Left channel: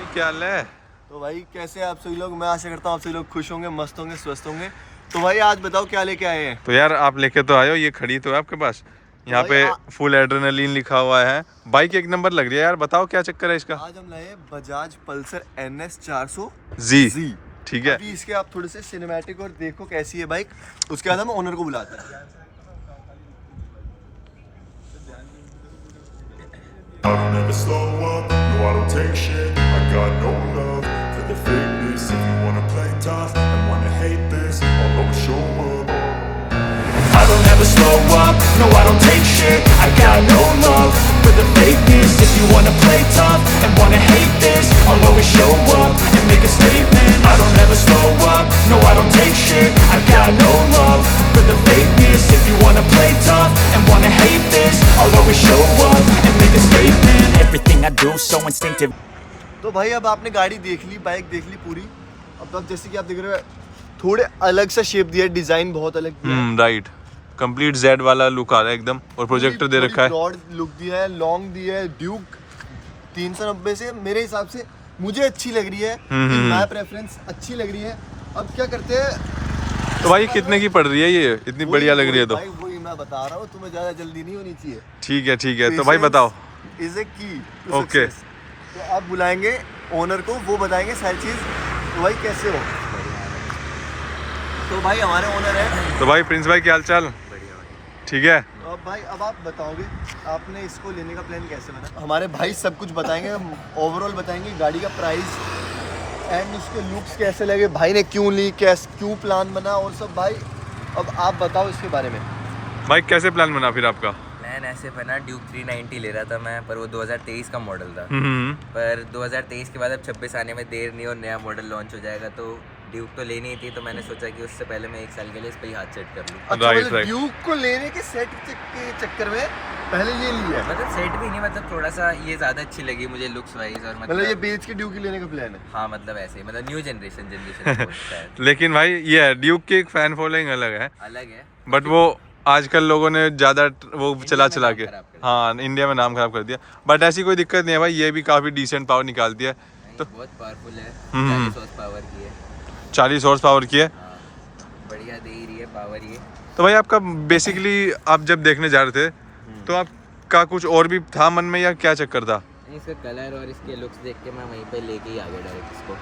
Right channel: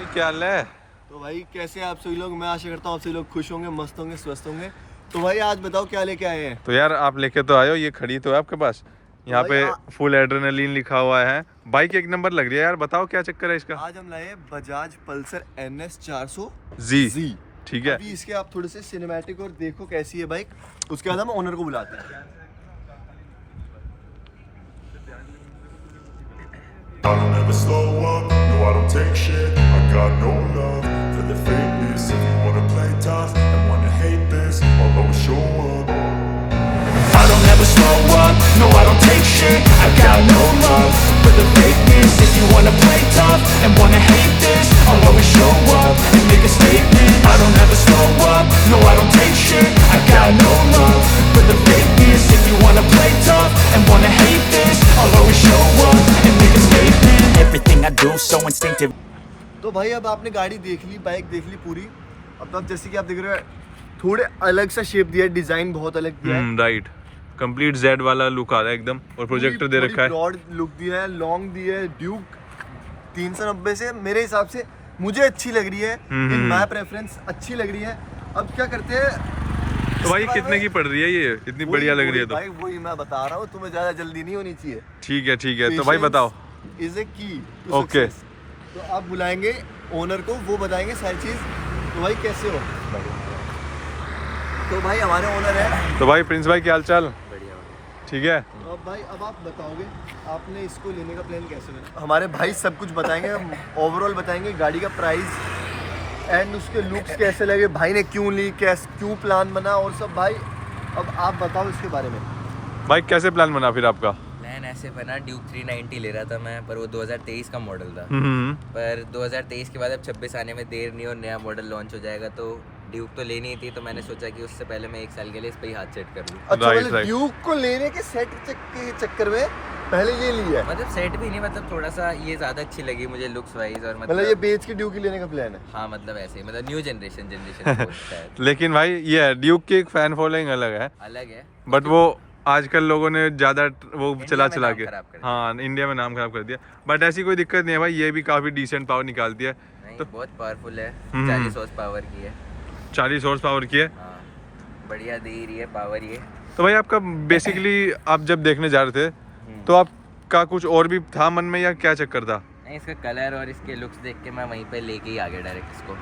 भाई क्या हाल है? तो भाई कैसे हैं आप सभी लोग। मैं आशा करता हूँ आप सभी लोग खुश होंगे, मस्त होंगे, स्वस्थ होंगे। तो भाई आज बताओ क्या लेके आए हैं। तो यार आप लेके तो आए हो, ये खड़ी तो है आपके पास। यहाँ पे फुल एड्रेनलिन लिखा हुआ है। बाइक एक नंबर लग रही है यार, बताओ क्या चक्कर है इसका। आज हम लाए हैं बजाज पल्सर NS 400 जी। ठीक है। अभी इसके आप थोड़े से सिनेमैटिक और देखो कैसी है बाइक, उसके बाद हम ओनर को बुलाते हैं। I don't ever slow up, no I don't take shit. I got no love for the fakeness. If you wanna play tough and wanna hate this, I'll always show up. I don't ever slow up, no I don't take shit. I got no love for the fakeness. If you wanna play tough and wanna hate this, I'll always show up and make a statement. I don't ever slow up, no I don't take shit. I got no love for the fakeness. If you wanna play tough and wanna hate this, I'll always show up and make a statement. Everything I do so instinctive. तो भाई अब आपने गाड़ी देख ली, bike देख ली पूरी। अब तो जैसे कि आप देख रहे हो थोड़े अलग सा शेप दिया है, डिजाइन बहुत अलग दिया है। राइट, कंप्लीट जेड वाला लुक आ रहा है एकदम। और प्रोजेक्टर दे रखा है, ब्रॉड लुक दिया है, लॉन्ग दिया है। ड्यूक 390 से मेरे हिसाब से मुझे अच्छी लग रही है, माय प्रेफरेंस अच्छी लग रही है। अब क्या करते हैं। तो भाई कितने की पड़ रही है ये, इतनी बढ़िया लग रही है तो? भाई वही मैं बता रहा हूँ, तुम्हें ज्यादा जल्दी नहीं होनी चाहिए। ठीक है तो भाई बताओ। इज ए की ओके। तो आप बुलाएंगे ओनर को, वो बताएंगे सारी चीज। तो भाई कैसे हो? तो भाई हमारे ओनर है। तो भाई प्रिंस भाई क्या हाल चाल? बढ़िया भाई। ठीक है। अब भाई अब आप बताओगे आपने इसको लेने का प्लान कैसे बना। हमारे भाई सब कुछ बताएंगे, ओवरऑल बताएंगे गाड़ी का प्राइस एंड उसके लुक्स कैसे लगे, भाई ने क्यों ली, क्यों प्लान बना और सब। भाई अब आप बताओ इसके बारे में। भाई कैसे प्लान बना फिर आपका? प्लान ऐसे बना, ड्यूक 390 ले रहा था मैं, पर वो 2023 का मॉडल था। पर 2023 के बाद अब 26 आने में देर नहीं और नया मॉडल लॉन्च हो जाएगा, तो ड्यूक तो लेनी ही थी। तो मैंने सोचा कि उससे पहले मैं 1 साल के लिए इस पे ही हाथ सेट कर लूँ। राइट। ड्यूक को लेने के सेट के चक्कर में पहले ये लिया है। मतलब सेट भी नहीं, मतलब थोड़ा सा ये ज़्यादा अच्छी लगी मुझे लुक्स वाइज। और मतलब ये बेच के ड्यूक ही लेने का प्लान है। हाँ मतलब ऐसे ही, मतलब न्यू जनरेशन लेकिन भाई ये है, ड्यूक की एक फैन फॉलोइंग अलग है, अलग है। बट वो आजकल लोगों ने ज्यादा वो चला में नाम के खराब कर दिया। हाँ इंडिया में नाम खराब कर दिया। बट ऐसी कोई दिक्कत नहीं है भाई, ये भी काफी डिसेंट पावर निकालती है। नहीं तो बहुत पावरफुल है, 40 हॉर्स पावर की है। 40 हॉर्स पावर की है। हाँ बढ़िया दे रही है पावर ये। तो भाई आपका बेसिकली आप जब देखने जा रहे थे तो आपका कुछ और भी था मन में या क्या चक्कर था? नहीं, इसका कलर और इसके लुक्स देख के मैं वहीं पे लेके ही आ गया डायरेक्ट इसको।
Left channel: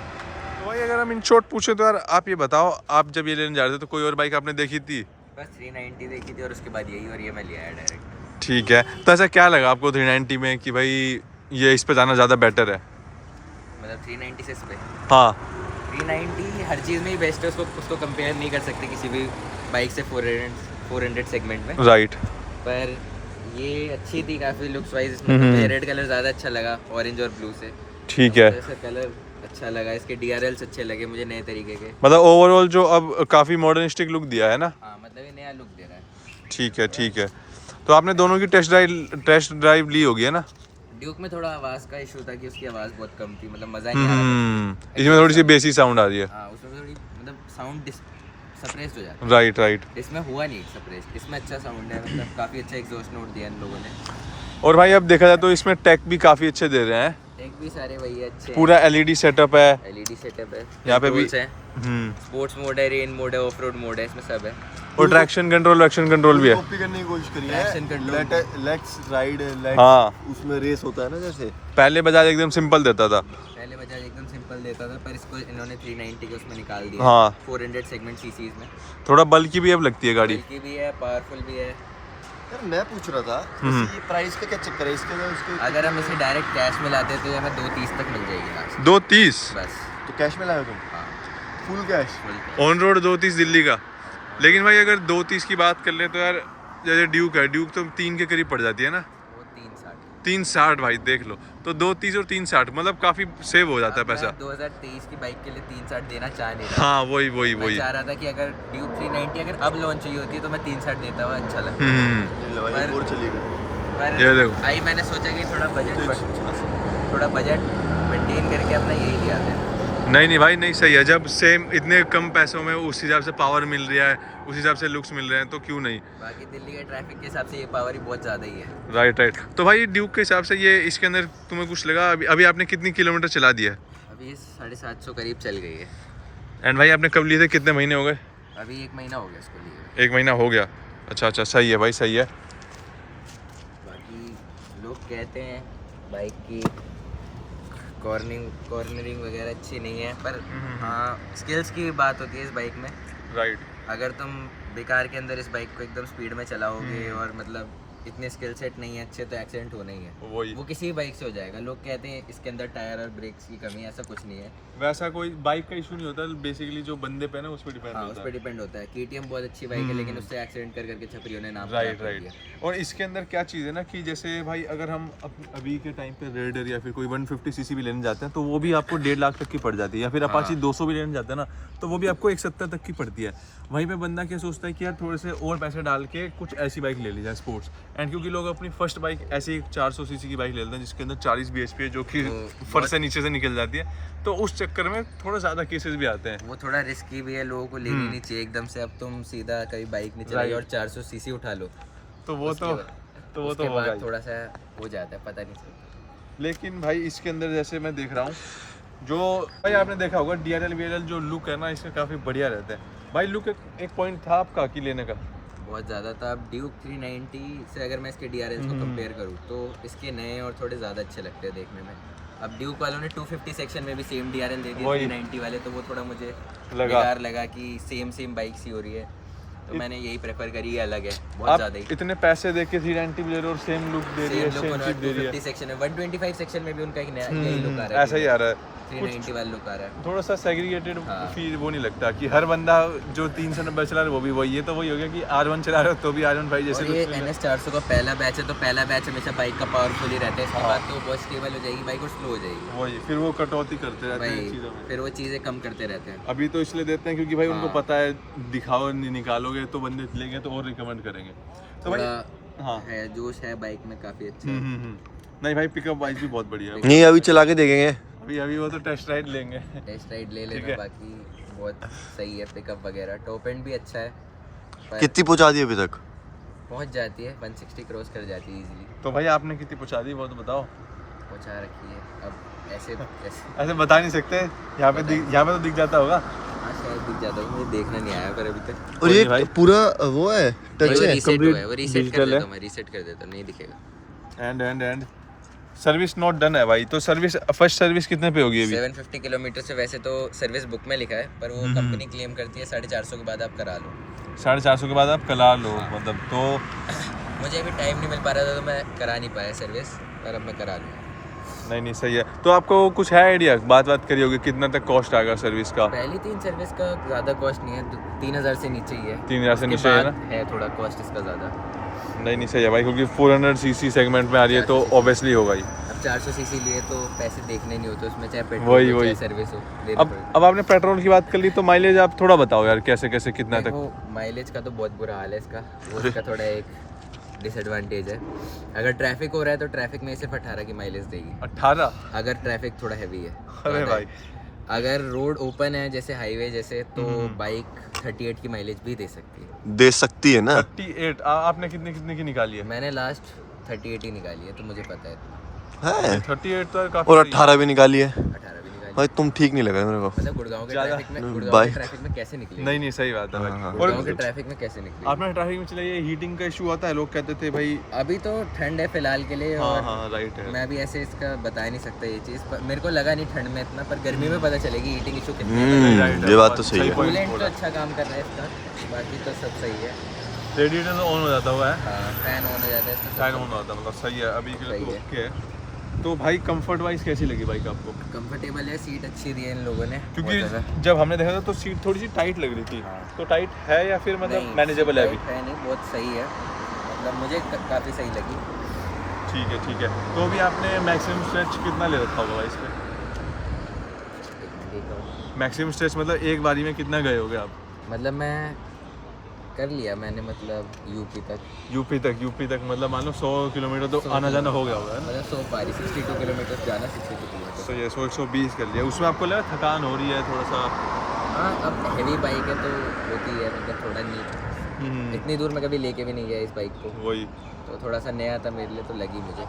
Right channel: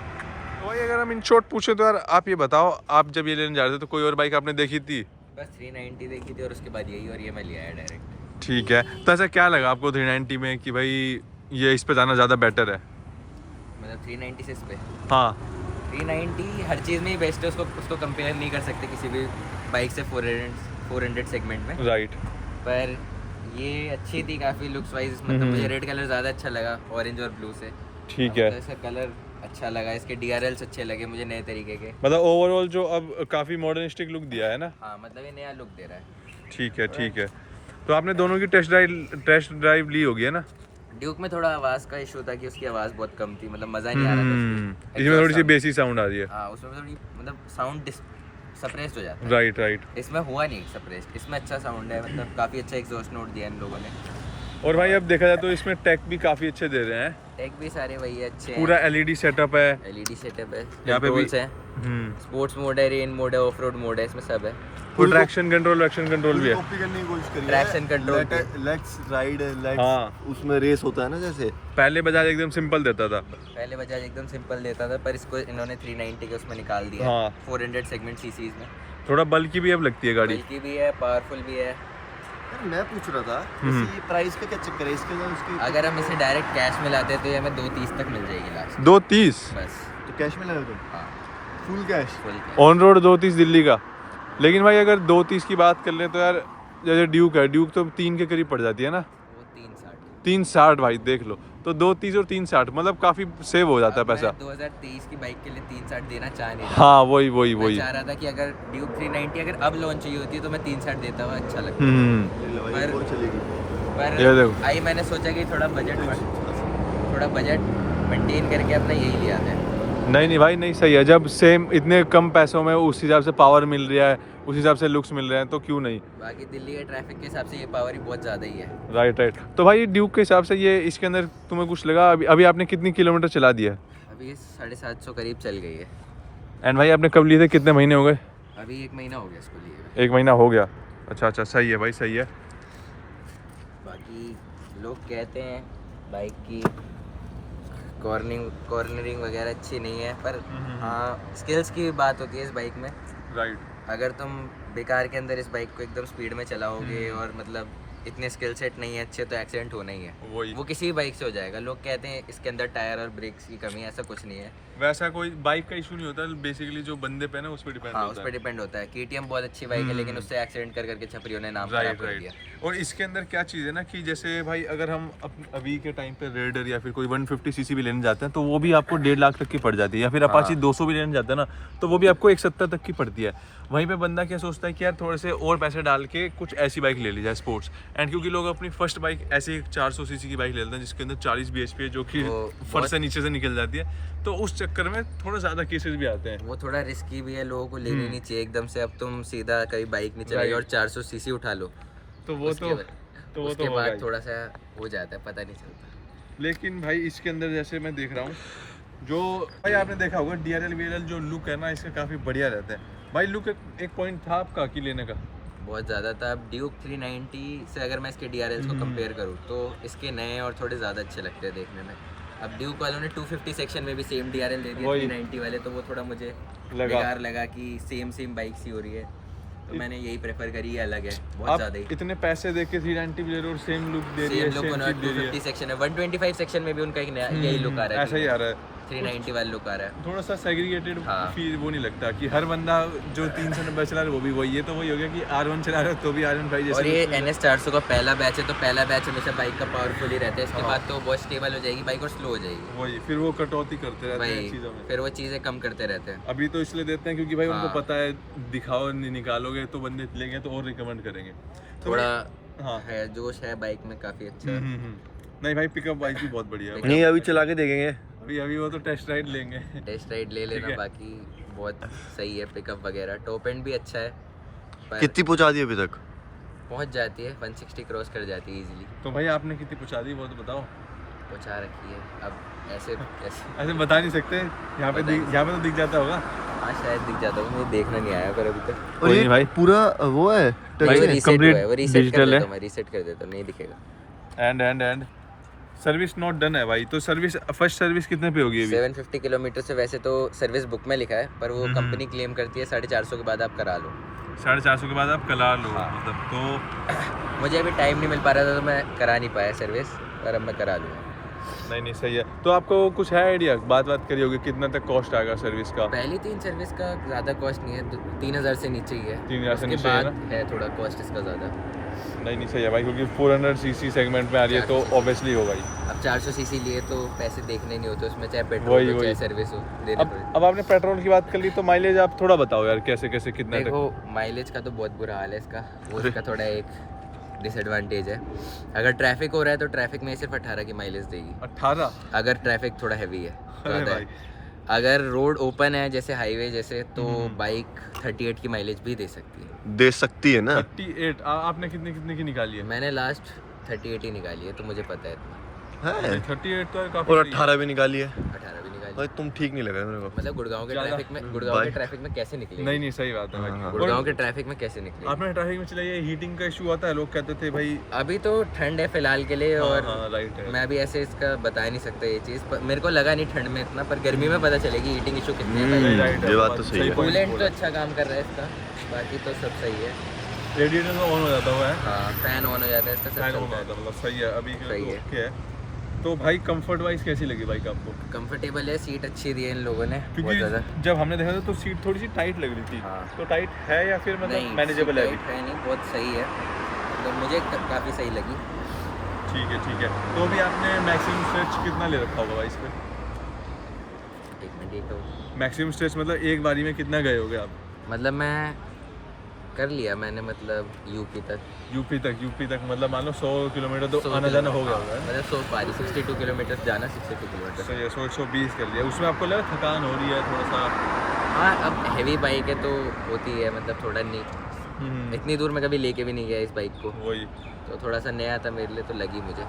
तो भाई अगर हम इन शॉर्ट पूछे तो यार आप ये बताओ, आप जब ये लेने जा रहे थे तो कोई और बाइक आपने देखी थी? बस 390 देखी थी और उसके बाद यही, और ये मैं लिया है डायरेक्ट। ठीक है। तो ऐसा क्या लगा आपको 390 में कि भाई ये इस पे जाना ज़्यादा बेटर है? मतलब 390 से इस पे हाँ 390 हर चीज़ में ही बेस्ट है, उसको कंपेयर नहीं कर सकते किसी भी बाइक से 400 सेगमेंट में। राइट। पर ये अच्छी थी काफ़ी लुक्स वाइज। इसमें मुझे रेड कलर ज़्यादा अच्छा लगा ऑरेंज और ब्लू से। ठीक है। इसका कलर अच्छा लगा, इसके DRLs अच्छे लगे मुझे नए तरीके के। मतलब ओवरऑल जो अब काफ़ी मॉडर्निस्टिक लुक दिया है ना। हाँ मतलब ये नया लुक दे रहा है। ठीक है। तो आपने दोनों की टेस्ट ड्राइव ली होगी है ना? ड्यूक में थोड़ा आवाज़ का इशू था कि उसकी आवाज़ बहुत कम थी, मतलब मज़ा नहीं आ रहा था। इसमें थोड़ी सी बेसी साउंड आ रही है। हाँ उसमें थोड़ी मतलब साउंड सप्रेस्ड हो जाता है। राइट। इसमें हुआ नहीं सप्रेस्ड, इसमें अच्छा साउंड है, मतलब काफ़ी अच्छा एग्जॉस्ट नोट दिया इन लोगों ने। और भाई अब देखा जाए तो इसमें टेक भी काफ़ी अच्छे दे रहे हैं। टेक भी सारे वही है अच्छे। पूरा LED सेटअप है। LED सेटअप है, यहाँ पे भी है स्पोर्ट्स मोड है, रेन मोड है, ऑफ रोड मोड है, इसमें सब है। और ट्रैक्शन कंट्रोल भी है। कॉपी करने की कोशिश करी है। ट्रैक्शन कंट्रोल लेट्स राइड, हाँ। उसमें रेस होता है ना जैसे। पहले बजाज एकदम सिंपल देता था। पहले बजाज एकदम सिंपल देता था, पर इसको इन्होंने 390 के उसमें निकाल दिया। हाँ। 400 सेगमेंट सीसीज में। थोड़ा बल्कि भी अब लगती है गाड़ी। बल्कि भी है, पावरफुल भी है। और मैं पूछ रहा था इसकी प्राइस का क्या चक्कर है इसके अंदर उसके। अगर हम इसे डायरेक्ट कैश में लाते तो ये हमें 230 तक मिल जाएगी लास्ट। 230 बस। तो कैश में लाए तुम? हाँ full cash? Full cash. On road 230 Delhi का। लेकिन भाई अगर 230 की बात कर ले तो यार जैसे ड्यूक है, ड्यूक तो 3 के करीब पड़ जाती है ना। वो 360। 360 भाई देख लो, तो 230 और 360 मतलब काफी सेव हो जाता है पैसा। 2023 की बाइक के लिए 360 देना चाह नहीं रहा। हाँ वही मैं चाह रहा था कि अगर ड्यूक 390 अगर अब लॉन्च हुई होती तो मैं 360 देता हुआ अच्छा लगता। पर ये देखो। आई मैंने सोचा कि थोड़ा बजट मेंटेन करके अपना यही लिया था। नहीं भाई नहीं, सही है। जब सेम इतने कम पैसों में उस हिसाब से पावर मिल रहा है उस हिसाब से लुक्स मिल रहे हैं तो क्यों नहीं। बाकी दिल्ली के ट्रैफिक के हिसाब से ये पावर ही बहुत ज़्यादा ही है। Right right. तो भाई ड्यूक के हिसाब से ये इसके अंदर तुम्हें कुछ लगा, अभी अभी आपने कितनी किलोमीटर चला दिया है? अभी 750 करीब चल गई है। एंड भाई आपने कब लिए थे, कितने महीने हो गए? अभी 1 महीना हो गया इसको लिए। 1 महीना हो गया। अच्छा, सही है भाई, सही है। बाकी लोग कहते हैं बाइक की कॉर्नरिंग वगैरह अच्छी नहीं है, पर हाँ स्किल्स की बात होती है इस बाइक में। राइट। अगर तुम बेकार के अंदर इस बाइक को एकदम स्पीड में चलाओगे और मतलब इतने स्किल सेट नहीं है अच्छे, तो एक्सीडेंट होना ही है। वही, वो किसी भी बाइक से हो जाएगा। लोग कहते हैं इसके अंदर टायर और ब्रेक्स की कमी है, ऐसा कुछ नहीं है। वैसा कोई बाइक का इशू नहीं होता, बेसिकली जो बंदे पे ना उस पर डिपेंड हाँ होता उस है। पर डिपेंड होता है। KTM बहुत अच्छी बाइक है, लेकिन उससे एक्सीडेंट कर करके छपरियों ने नाम खराब राइट कर दिया। राइट। और इसके अंदर क्या चीज़ है ना कि जैसे भाई अगर हम अभी के टाइम पे रेडर या फिर कोई 150 सीसी भी लेने जाते हैं तो वो भी आपको 1.5 लाख तक की पड़ जाती है, या फिर अपाची 200 भी लेने जाते हैं ना तो वो भी आपको 170 तक की पड़ती है। वहीं पे बंदा क्या सोचता है कि यार थोड़े से और पैसे डाल के कुछ ऐसी बाइक ले ली जाए स्पोर्ट्स। एंड क्योंकि लोग अपनी फर्स्ट बाइक ऐसी 400 सीसी की बाइक ले लेते हैं जिसके अंदर 40 bhp है, जो कि फर्श से नीचे से निकल जाती है, तो उस चक्कर में थोड़ा ज़्यादा केसेस भी आते हैं। वो थोड़ा रिस्की भी है, लोगों को लेनी नहीं चाहिए एकदम से। अब तुम सीधा कभी बाइक नहीं चलाई और 400 सीसी उठा लो तो वो उसके बाद थोड़ा सा हो जाता है, पता नहीं चलता। लेकिन भाई इसके अंदर जैसे मैं देख रहा हूँ, जो भाई आपने देखा होगा DRL जो लुक है ना इसका काफ़ी बढ़िया रहता है। भाई लुक एक पॉइंट था आपका कि लेने का बहुत ज़्यादा था। अब ड्यूक 390 से अगर मैं इसके DRLs को कंपेयर करूँ तो इसके नए और थोड़े ज़्यादा अच्छे लगते हैं देखने में। अब ड्यूक वालों ने 250 सेक्शन में भी सेम DRL दे दिया 390 वाले, तो वो थोड़ा मुझे बेकार लगा कि सेम बाइक सी हो रही है, तो मैंने यही प्रेफर करी। ये अलग है बहुत ज़्यादा ही। इतने पैसे दे के 390 ले रहे हो और सेम लुक दे रहे हो। सेम लुक 250 सेक्शन है, 125 सेक्शन में भी उनका एक नया यही लुक आ रहा है। ऐसा ही आ रहा है, 390 वाला लुक आ रहा है। थोड़ा सा सेग्रीगेटेड हाँ। फील वो नहीं लगता कि हर बंदा जो 390 चला रहा है वो भी वही है। तो वही हो गया कि R1 चला रहे हो तो भी R1 भाई जैसे। और ये NS 400 का पहला बैच है, तो पहला बैच हमेशा बाइक का पावरफुल ही रहता है। इसके बाद तो बहुत स्टेबल हो जाएगी बाइक और स्लो हो जाएगी। वही फिर वो कटौती करते रहते हैं चीज़ों में। फिर वो चीज़ें कम करते रहते हैं। अभी तो इसलिए देते हैं क्योंकि भाई उनको पता है दिखाओ नहीं निकालोगे तो बंदे लेंगे तो और रिकमेंड करेंगे। तो थोड़ा हाँ है, जोश है बाइक में काफ़ी अच्छा। नहीं भाई पिकअप बाइक भी बहुत बढ़िया है। नहीं अभी चला के देखेंगे, अभी वो तो टेस्ट राइड लेंगे। टेस्ट राइड ले लेना, बाकी बहुत सही है पिकअप वगैरह। टॉप एंड भी अच्छा है। कितनी पहुंचा दी अभी तक? पहुंच जाती है 160 क्रॉस कर जाती है इजीली। तो भाई आपने कितनी पहुंचा दी वो तो बताओ। पहुंचा रखी है। अब ऐसे बता नहीं सकते, यहाँ पे तो दिख जाता होगा। हाँ शायद दिख जाता है, मुझे देखना नहीं आया पर अभी तक। और ये पूरा वो है टच है, रीसेट कर देता हूं, नहीं दिखेगा। एंड सर्विस नॉट डन है भाई। तो सर्विस फर्स्ट सर्विस कितने पे होगी अभी? 750 किलोमीटर से वैसे तो सर्विस बुक में लिखा है, पर वो कंपनी क्लेम करती है 450 के बाद आप करा लो। 450 के बाद आप करा लो मतलब। तो मुझे अभी टाइम नहीं मिल पा रहा था तो मैं करा नहीं पाया सर्विस, पर अब मैं करा लूँ। नहीं सही है। तो आपको कुछ है आइडिया, बात करी होगी कितना तक कॉस्ट आएगा सर्विस का? पहली 3 सर्विस का ज़्यादा कॉस्ट नहीं है, 3000 से नीचे ही है। 3000 से नीचे बाद है थोड़ा कॉस्ट इसका ज़्यादा। नहीं सही है भाई, क्योंकि 400 सीसी सेगमेंट में आ रही है तो ऑब्वियसली होगा ही। अब 400 सीसी लिए तो पैसे देखने नहीं होते उसमें, चाहे पेट्रोल हो चाहे सर्विस हो देने पड़े। अब आपने पेट्रोल की बात कर ली तो माइलेज आप थोड़ा बताओ यार, कैसे कितना तक? माइलेज का तो बहुत बुरा हाल है इसका, वो इसका थोड़ा एक डिसएडवांटेज है। अगर ट्रैफिक हो रहा है तो ट्रैफिक में सिर्फ 18 की माइलेज देगी। 18? अगर ट्रैफिक थोड़ा हैवी है ज़्यादा है। अगर रोड ओपन है जैसे हाईवे जैसे, तो बाइक 38 की माइलेज भी दे सकती है ना। 38? आपने कितने की निकाली है? मैंने लास्ट 38 ही निकाली है, तो मुझे पता है इतना है। 38 तो काफी। और 18 भी निकाली है? 18 भी निकाली। भाई तुम ठीक नहीं लगा मेरे को। मतलब गुड़गांव के ट्रैफिक में कैसे निकले? नहीं सही बात है भाई। गुड़गांव के ट्रैफिक में कैसे निकले? आपने ट्रैफिक में चलाई है, हीटिंग का इशू आता है, लोग कहते थे भाई। अभी तो ठंड है फिलहाल के लिए, और राइट है। मैं भी ऐसे इसका बता नहीं सकता ये चीज़, मेरे को लगा नहीं ठंड में इतना, पर गर्मी में पता चलेगी हीटिंग इशू कितनी है। ये बात तो सही है। कूलेंट तो अच्छा काम कर रहा है इसका, बाकी तो सब सही है। रेडिएटर तो ऑन हो जाता हुआ है? हाँ फैन ऑन हो जाता है इसका, फैन ऑन होता है मतलब सही है अभी सही है। ओके है। तो भाई कंफर्ट वाइज कैसी लगी बाइक आपको? कंफर्टेबल है, सीट अच्छी दी है इन लोगों ने। क्योंकि जब हमने देखा था तो सीट थोड़ी सी टाइट लग रही थी। हाँ। तो टाइट है या फिर मतलब मैनेजेबल है? है नहीं, बहुत सही है, मतलब मुझे काफ़ी सही लगी। ठीक है। तो अभी आपने मैक्सिमम स्ट्रेच कितना ले रखा होगा इस पे? एक मिनट, मैक्सिमम स्ट्रेच मतलब एक बारी में कितना गए होगे आप? मतलब मैं कर लिया मैंने, मतलब यूपी तक मतलब मान लो 100 किलोमीटर तो आना जाना हो गया होगा, मतलब 100 पारी 62 किलोमीटर जाना, 62 किलोमीटर। तो ये 120 कर लिया। उसमें आपको लगा थकान हो रही है थोड़ा सा? हाँ अब हैवी बाइक है तो होती है, मतलब थोड़ा नहीं, इतनी दूर मैं कभी लेके भी नहीं गया इस बाइक को, वही तो थोड़ा सा नया था मेरे लिए तो लगी मुझे।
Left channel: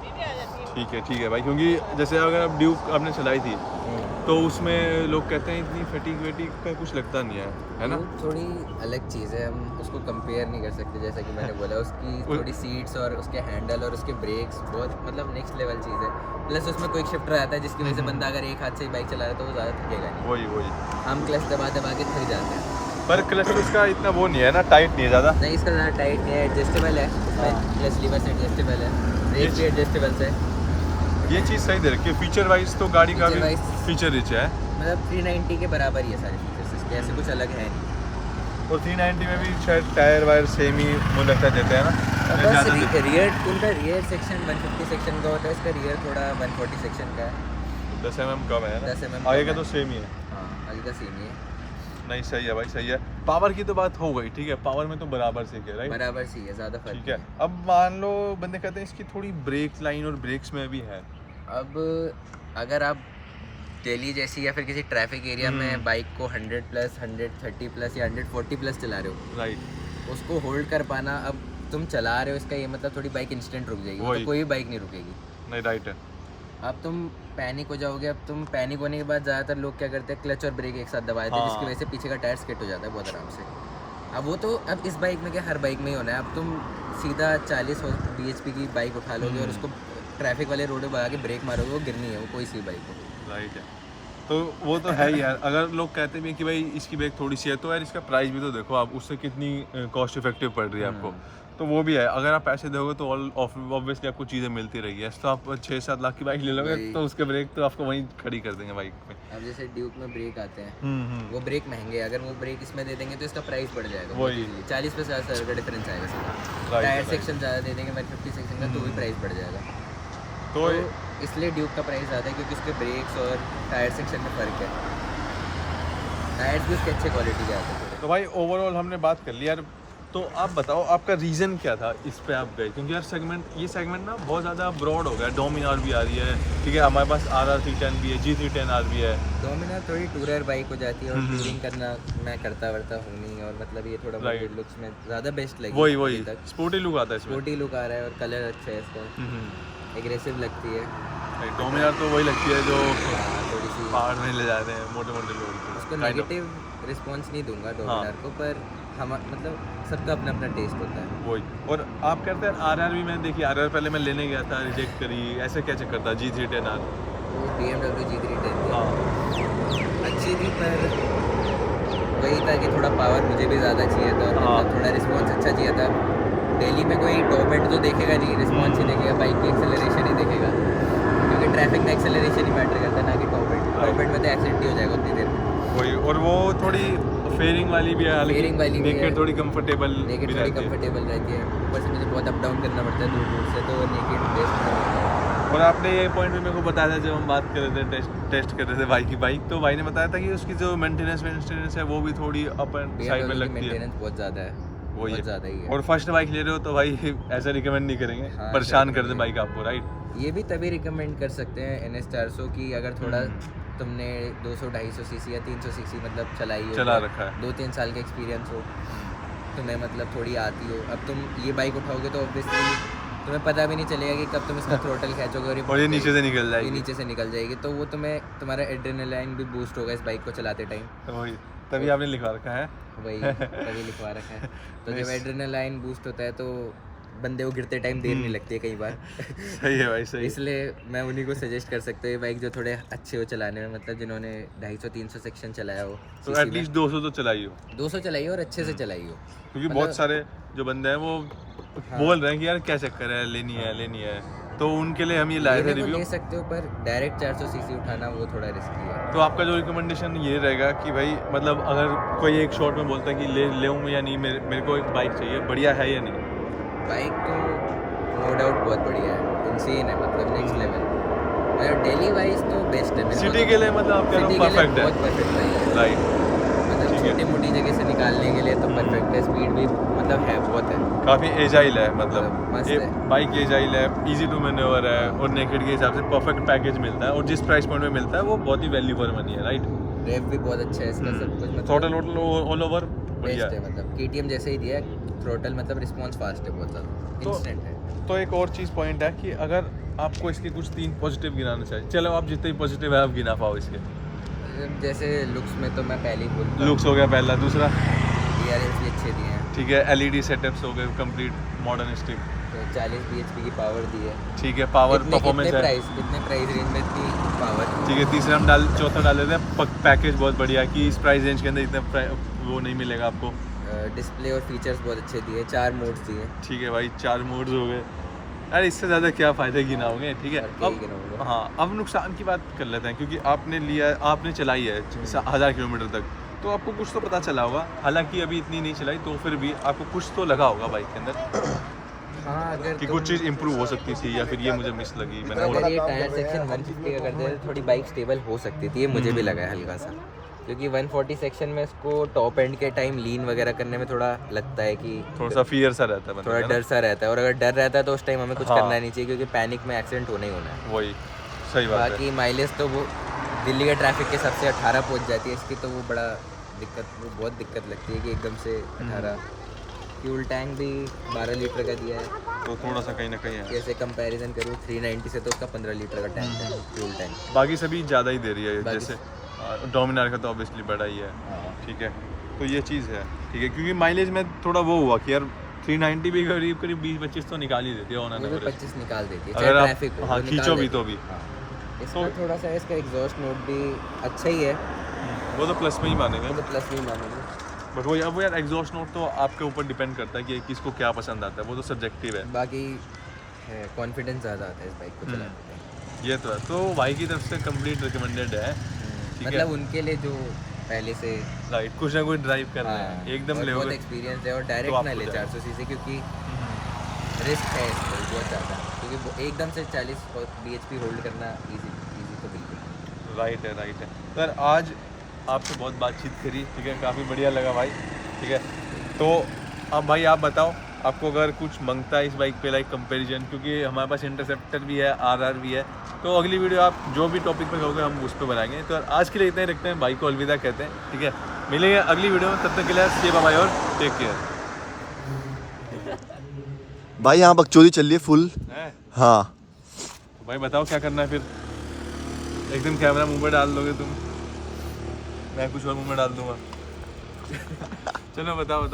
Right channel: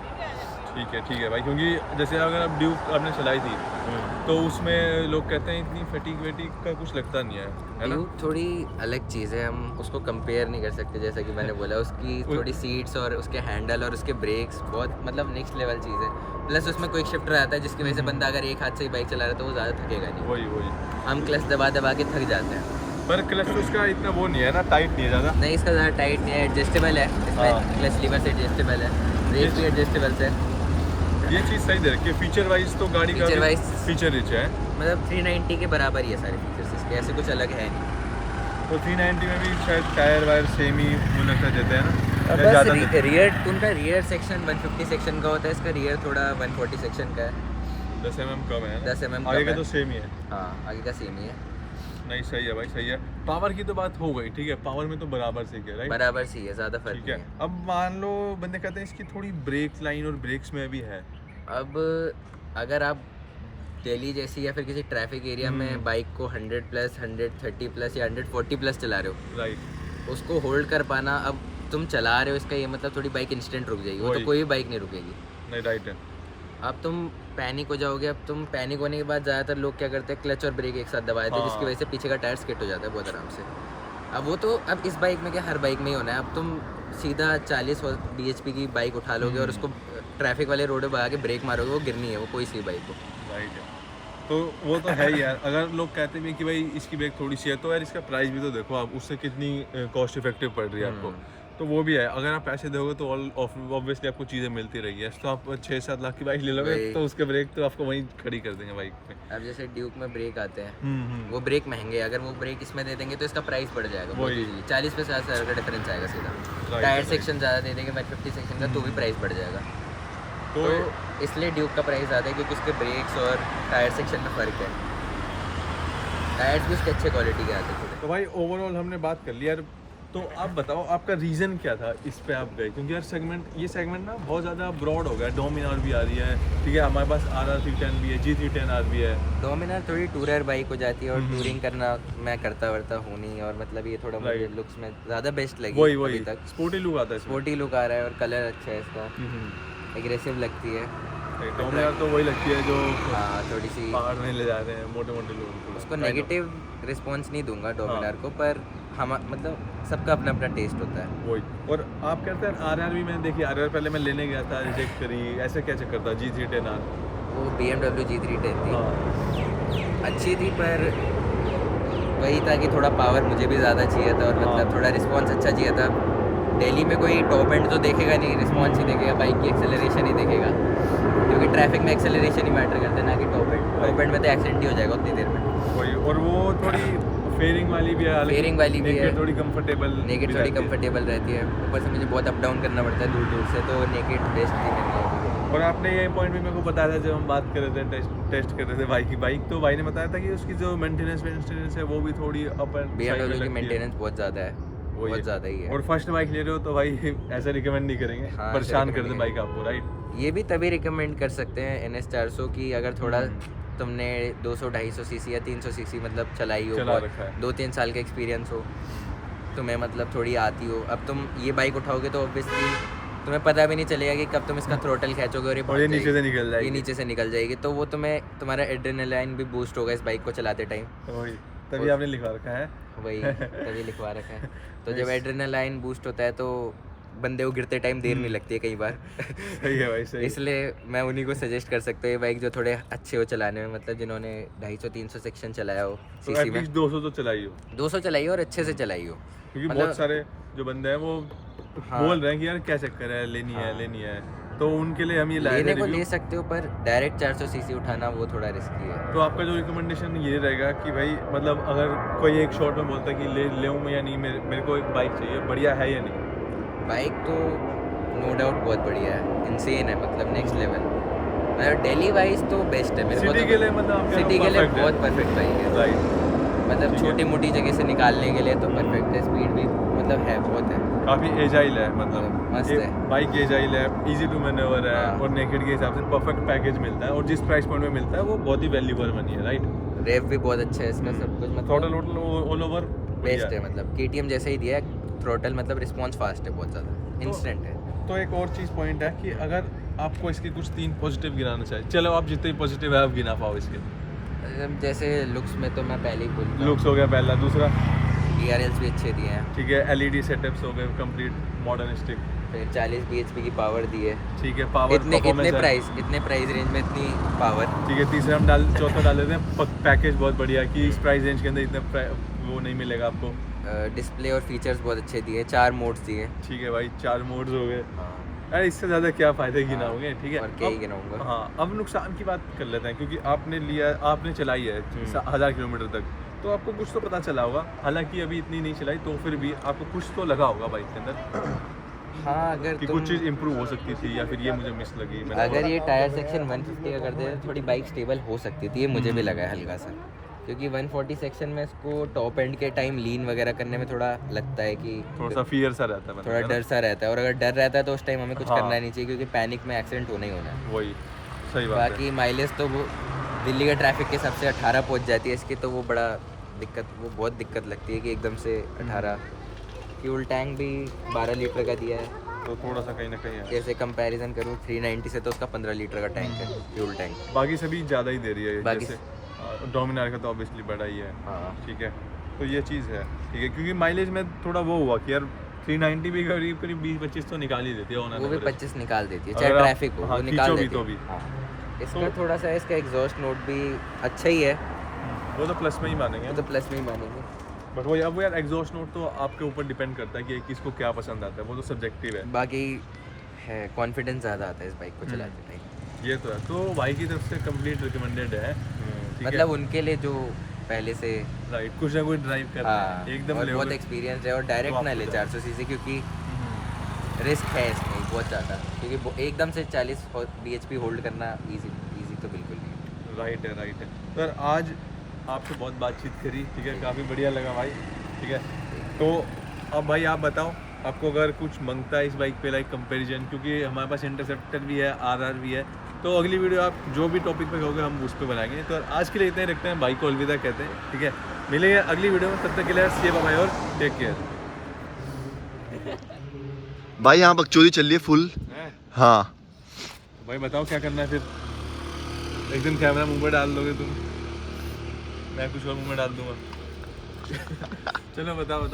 ठीक है भाई, क्योंकि जैसे अगर अब ड्यूक आपने चलाई थी तो उसमें लोग कहते हैं इतनी फटीक वेटिक का कुछ लगता नहीं है ना। ड्यूक थोड़ी अलग चीज़ है, हम उसको कंपेयर नहीं कर सकते, जैसा कि मैंने बोला उसकी थोड़ी सीट्स और उसके हैंडल और उसके ब्रेक्स बहुत मतलब नेक्स्ट लेवल चीज़ है। प्लस उसमें क्विक शिफ्टर आता है जिसकी वजह से बंदा अगर एक हाथ से ही बाइक चला रहा है तो वो ज़्यादा थकेगा नहीं। वही हम क्लच दबा दबा के थक जाते हैं। पर क्लच उसका इतना वो नहीं है ना, टाइट नहीं है ज़्यादा। नहीं इसका ज़्यादा टाइट नहीं है, एडजस्टेबल है, इसमें क्लच लीवर से एडजस्टेबल है, ब्रेक भी एडजस्टेबल है। ये चीज़ सही दे रखी है। फीचर वाइज तो गाड़ी का Feature wise- फीचर रिच है, मतलब 390 के बराबर ही है सारे फीचर्स इसके, ऐसे कुछ अलग है नहीं। और 390 में भी शायद टायर वायर सेम ही मुझे लगता है देते हैं ना, बस ज़्यादा रियर सेक्शन 150 सेक्शन का होता है, इसका रियर थोड़ा 140 सेक्शन का है। 10 mm कम है ना? 10 mm आगे कम का है। तो सेम ही है। हाँ आगे का सेम ही है, नहीं सही है भाई, सही है। पावर की तो बात हो गई, ठीक है, पावर में तो बराबर से क्या राइट। बराबर सी है, ज़्यादा फर्क ठीक नहीं है, है। अब मान लो बंदे कहते हैं इसकी थोड़ी ब्रेक लाइन और ब्रेक्स में भी है। अब अगर आप दिल्ली जैसी या फिर किसी ट्रैफिक एरिया में बाइक को 100 प्लस 130 प्लस या 140 प्लस चला रहे हो, राइट, उसको होल्ड कर पाना, अब तुम चला रहे हो इसका ये मतलब थोड़ी बाइक इंस्टेंट रुक जाएगी, वो तो वही। कोई भी बाइक नहीं रुकेगी। नहीं राइट है। अब तुम पैनिक हो जाओगे, अब तुम पैनिक होने के बाद ज़्यादातर लोग क्या करते हैं क्लच और ब्रेक एक साथ दबा देते हैं, जिसकी हाँ। वजह से पीछे का टायर स्किट हो जाता है बहुत आराम से। अब वो तो अब इस बाइक में क्या हर बाइक में ही होना है, अब तुम सीधा 40 bhp की बाइक उठा लोगे और उसको ट्रैफिक वाले रोड पे भगा के ब्रेक मारोगे, वो गिरनी है वो कोई सी बाइक को। राइट है, तो वो तो है ही यार। अगर लोग कहते भी हैं कि भाई इसकी ब्रेक थोड़ी सी है, तो यार इसका प्राइस भी तो देखो आप, उससे कितनी कॉस्ट इफेक्टिव पड़ रही है आपको, तो वो भी है। अगर आप पैसे दोगे तो ऑब्वियसली आपको चीज़ें मिलती रही है। तो आप 6-7 लाख की बाइक ले लोगे वही। तो उसके ब्रेक तो आपको वहीं खड़ी कर देंगे बाइक पे। अब जैसे ड्यूक में ब्रेक आते हैं, वो ब्रेक महंगे हैं, अगर वो ब्रेक इसमें दे देंगे तो इसका प्राइस बढ़ जाएगा बहुत वही। इजीली, 40 से 50 हज़ार का डिफरेंस आएगा सीधा। Right, tyre right. सेक्शन ज़्यादा दे देंगे 150 सेक्शन का तो भी प्राइस बढ़ जाएगा। तो तो इसलिए ड्यूक का प्राइस ज़्यादा है क्योंकि उसके ब्रेक्स और टायर सेक्शन में फ़र्क है। टायर्स भी उसके अच्छे क्वालिटी के आते हैं थोड़े। तो भाई ओवरऑल हमने बात कर ली यार, तो आप बताओ आपका रीज़न क्या था इस पे आप गए, क्योंकि यार ये सेगमेंट ना बहुत ज़्यादा ब्रॉड हो गया। डोमिनार भी आ रही है, ठीक है, हमारे पास RR310 भी है, G310R भी है। डोमिनार थोड़ी टूरर बाइक हो जाती है और टूरिंग करना मैं करता हूँ नहीं, और मतलब ये थोड़ा मुझे Right. लुक्स में ज़्यादा बेस्ट लगी वही अभी तक। स्पोर्टी लुक आता है इसमें। स्पोर्टी लुक आ रहा है और कलर अच्छा है इसका, एग्रेसिव लगती है। डोमिनार तो वही लगती है जो हाँ थोड़ी सी पहाड़ में ले जा रहे हैं मोटे मोटे लोग। उसको नेगेटिव रिस्पॉन्स नहीं दूंगा डोमिनार को, पर हम मतलब सबका अपना अपना टेस्ट होता है। वही। और आप कहते हैं RR भी मैंने देखी, RR पहले मैं लेने गया था, रिजेक्ट करी, ऐसे क्या चक्कर था? G310R वो BMW G310 थी, हाँ अच्छी थी, पर वही था कि थोड़ा पावर मुझे भी ज़्यादा चाहिए था और हाँ। मतलब थोड़ा रिस्पॉन्स अच्छा चाहिए था। दिल्ली में कोई टॉप एंड तो देखेगा नहीं, रिस्पॉन्स ही देखेगा, बाइक की एक्सेलरेशन ही देखेगा, क्योंकि ट्रैफिक में एक्सेलरेशन ही मैटर करता है ना कि टॉप एंड। टॉप एंड में तो एक्सीडेंट ही हो जाएगा उतनी देर में। वही। और वो थोड़ी फेयरिंग वाली भी है, फेयरिंग वाली भी है, थोड़ी कंफर्टेबल, नेकेड थोड़ी कंफर्टेबल रहती है, ऊपर से मुझे बहुत अप डाउन करना पड़ता है दूर दूर से, तो नेकेड बेस्ट नहीं रहता है। और आपने ये पॉइंट भी मेरे को बताया था जब हम बात कर रहे थे, टेस्ट कर रहे थे बाइक की, तो भाई ने बताया था कि उसकी जो मेंटेनेंस है वो भी थोड़ी अप एंड साइड में BMW की लगती है। मेंटेनेंस बहुत ज़्यादा है, वही बहुत ज़्यादा ही है। और फर्स्ट बाइक ले रहे हो तो भाई ऐसा रिकमेंड नहीं करेंगे, हाँ, परेशान ऐसा कर दे recommend बाइक आपको, राइट। ये भी तभी रिकमेंड कर सकते हैं NS400 की अगर थोड़ा तुमने 200-250 सीसी या 300 सीसी मतलब चलाई हो, चला रखा है। 2-3 साल का एक्सपीरियंस हो, तुम्हें मतलब थोड़ी आती हो। अब तुम ये बाइक उठाओगे तो ऑब्वियसली तुम्हें पता भी नहीं चलेगा कि कब तुम इसका थ्रोटल खींचोगे और ये और भाग ये नीचे से जाएगी। निकल ये जाएगी। नीचे से निकल जाएगी, तो वो तुम्हारा एड्रेनालाइन भी बूस्ट होगा इस बाइक को चलाते टाइम। वही, तभी आपने लिखा रखा है। वही तभी लिखवा रखा है। तो जब एड्रेनालाइन बूस्ट होता है तो बंदे को गिरते टाइम देर नहीं लगती है कई बार। सही है भाई, सही। इसलिए मैं उन्हीं को सजेस्ट कर सकता हूँ ये बाइक जो थोड़े अच्छे हो चलाने में, मतलब जिन्होंने 250-300 सेक्शन चलाया हो तो सीसी में, एटलीस्ट 200 तो चलाई हो, 200 चलाई हो और अच्छे से चलाई हो। क्योंकि मतलब- बहुत सारे जो बंदे हैं वो हाँ। बोल रहे हैं कि यार क्या चक्कर है, लेनी है, तो उनके लिए हम ये लाए थे लेने को रिव्यू। ले सकते हो, पर डायरेक्ट 400 सीसी उठाना वो थोड़ा रिस्की है। तो आपका जो रिकमेंडेशन ये रहेगा कि भाई मतलब अगर कोई एक शॉट में बोलता है कि ले मैं या नहीं, मेरे को एक बाइक चाहिए, बढ़िया है या नहीं? बाइक तो नो डाउट बहुत बढ़िया है, इंसेन है, मतलब नेक्स्ट लेवल। मतलब डेली वाइज तो बेस्ट है मेरे को। सिटी के लिए मतलब आप कह रहे हो सिटी के लिए perfect है। बहुत परफेक्ट बाइक है, राइट, मतलब छोटी मोटी जगह से निकालने के लिए तो परफेक्ट है। स्पीड भी मतलब है, बहुत है, काफ़ी एजाइल है, मतलब मस्त है। बाइक एजाइल है, इजी टू मैन्योवर है, और नेकेड के हिसाब से परफेक्ट पैकेज मिलता है, और जिस प्राइस पॉइंट में मिलता है वो बहुत ही वैल्यू फॉर मनी है, राइट। रेव भी बहुत अच्छा है इसका, सब कुछ थ्रोटल मतलब ऑल ओवर बेस्ट है, मतलब KTM जैसे ही दिया है, थ्रोटल मतलब रिस्पॉन्स फास्ट है बहुत ज़्यादा, इंस्टेंट है। तो एक और चीज़ पॉइंट है कि अगर आपको इसके कुछ 3 पॉजिटिव गिनाना चाहिए, चलो आप जितने पॉजिटिव है आप गिना पाओ इसके। जैसे लुक्स में तो मैं पहले ही बोलता हूँ, लुक्स हो गया पहला, दूसरा DRLs भी अच्छे दिए हैं, ठीक है, LED सेटअप्स हो गए कंप्लीट मॉडर्न स्टिप, फिर 40 bhp की पावर दी है। ठीक है, पावर परफॉर्मेंस है, कितने प्राइस रेंज में इतनी पावर। ठीक है। तीसरा हम चौथा डाल देते हैं पैकेज बहुत बढ़िया है कि इस प्राइस रेंज के अंदर इतना वो नहीं मिलेगा आपको। डिस्प्ले और फीचर्स बहुत अच्छे दिए, 4 मोड्स दिए। ठीक है भाई, 4 मोड्स हो गए, अरे इससे ज़्यादा क्या फ़ायदा गिनाओगे, ठीक है। और क्या ही गिनाऊंगा। हाँ, अब नुकसान की बात कर लेते हैं, क्योंकि आपने लिया, आपने चलाई है 1000 किलोमीटर तक, तो आपको कुछ तो पता चला होगा, हालांकि अभी इतनी नहीं चलाई तो फिर भी आपको कुछ तो लगा होगा बाइक के अंदर। हाँ, अगर कि कुछ चीज़ इंप्रूव हो सकती थी या फिर ये मुझे मिस लगी। अगर ये टायर सेक्शन 150 का कर देते तो थोड़ी बाइक स्टेबल हो सकती थी, ये मुझे भी लगा है हल्का सा, क्योंकि 140 सेक्शन में इसको टॉप एंड के टाइम लीन वगैरह करने में थोड़ा लगता है कि थोड़ा सा फियर सा रहता है, थोड़ा डर सा रहता है, और अगर डर रहता है तो उस टाइम हमें कुछ करना नहीं चाहिए, क्योंकि पैनिक में एक्सीडेंट होना ही होना है। वही सही बात है। बाकी माइलेज तो वो दिल्ली के ट्रैफिक के हिसाब से 18 पहुंच जाती है इसकी, तो वो बड़ा दिक्कत, वो बहुत दिक्कत लगती है कि एकदम से 18। फ्यूल टैंक भी 12 लीटर का दिया है, तो थोड़ा सा कहीं ना कहीं है। जैसे कंपैरिजन करूँ 390 से तो उसका 15 लीटर का टैंक है फ्यूल टैंक। बाकी सभी ज़्यादा ही दे रही है, बाकी- जैसे डोमिनार का तो ऑब्वियसली बड़ा ही है, हाँ, ठीक है। तो ये चीज़ है, ठीक है, क्योंकि माइलेज में थोड़ा वो हुआ कि यार 390 भी करीब करीब 20-25 तो निकाल ही देती है ऑन वो भी 25 निकाल देती है, अगर चाहे आप- ट्रैफिक हो, हाँ, वो निकाल खींचो भी देती तो है। भी। हाँ। इसका थोड़ा सा इसका एग्जॉस्ट नोट भी अच्छा ही है, वो तो प्लस में ही मानेंगे, वो तो प्लस में ही मानेंगे। बट वो अब यार एग्जॉस्ट नोट तो आपके ऊपर डिपेंड करता है कि किसको क्या पसंद आता है, वो तो सब्जेक्टिव है। बाकी है कॉन्फिडेंस ज़्यादा आता है इस बाइक को चलाते टाइम। ये तो है, तो भाई की तरफ से कंप्लीट रिकमेंडेड है, ठीक है। मतलब उनके लिए जो पहले से राइट, कुछ ना कुछ ड्राइव कर रहे हाँ, हैं, एकदम और ले बहुत एक्सपीरियंस है, और डायरेक्ट तो ना ले आपको 400 सीसी, क्योंकि रिस्क है इसमें बहुत ज़्यादा, क्योंकि एकदम से 40 bhp होल्ड करना इजी तो बिल्कुल नहीं। राइट है। सर आज आपसे बहुत बातचीत करी, ठीक है, काफ़ी बढ़िया लगा भाई, ठीक है। तो अब भाई आप बताओ, आपको अगर कुछ मांगता है इस बाइक पे लाइक कंपैरिजन, क्योंकि हमारे पास इंटरसेप्टर भी है, RR भी है, तो अगली वीडियो आप जो भी टॉपिक पे कहोगे हम उस पर बनाएंगे। तो आज के लिए इतना ही रखते हैं, बाइक को अलविदा कहते हैं, ठीक है। मिलेंगे अगली वीडियो में, तब तक के लिए स्टे बाय और टेक केयर। भाई यहाँ बकचोदी चल रही है फुल। हाँ तो भाई बताओ क्या करना है फिर, एकदम कैमरा मुंह में डाल दोगे तुम, मैं कुछ और मुंह में डाल दूंगा। चलो बताओ।